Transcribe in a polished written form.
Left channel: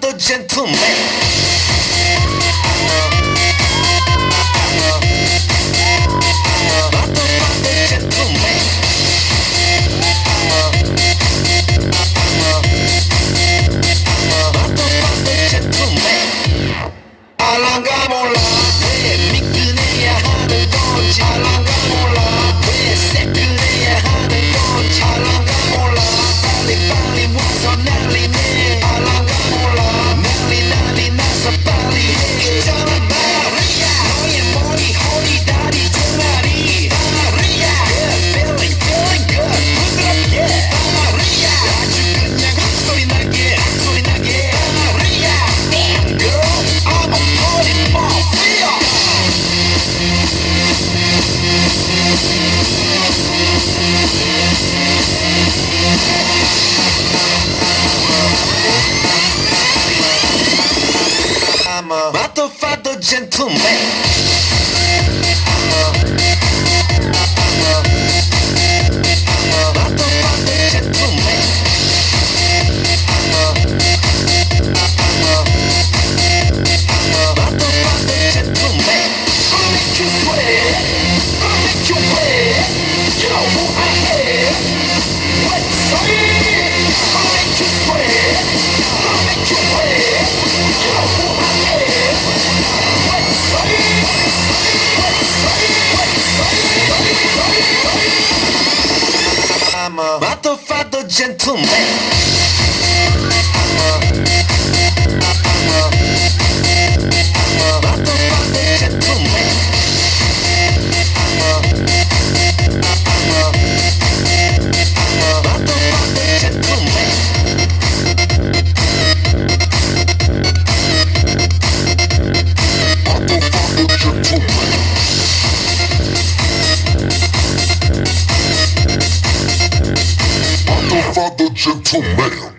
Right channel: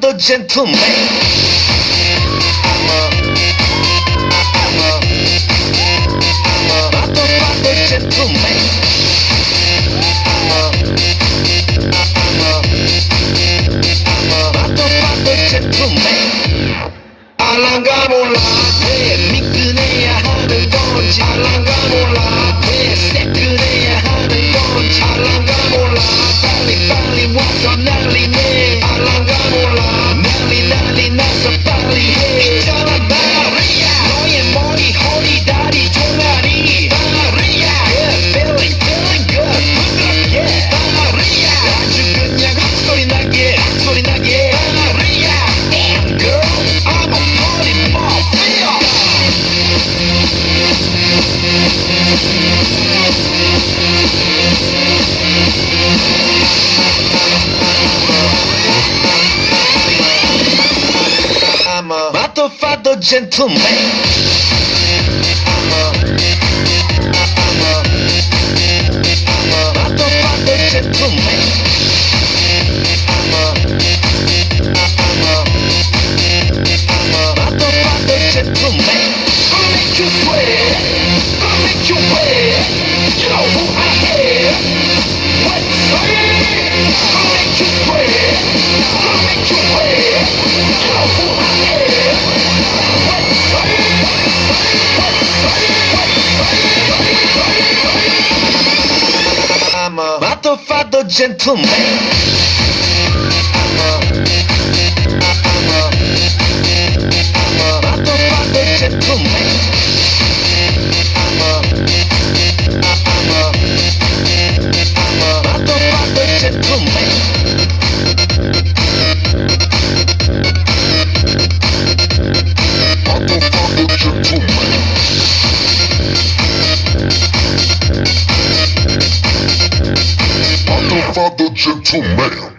father gentleman. 알랑가 몰라 왜 미끈해야 하는 건지 알랑가 몰라 왜 새끈해야 하는 건지 알랑가 몰라 빨리 와서 난리네 알랑가 몰라 난리 나서 빨리 해 있잖아 마리아 너의 머리 허리 다리 종아리 마리아 Good feeling good 부드럽게 마리아 아주 그냥 소리 나게 마리아 Damn girl I'm a party mafia I'm a father gentleman. I'm a father gentleman. Father gentleman.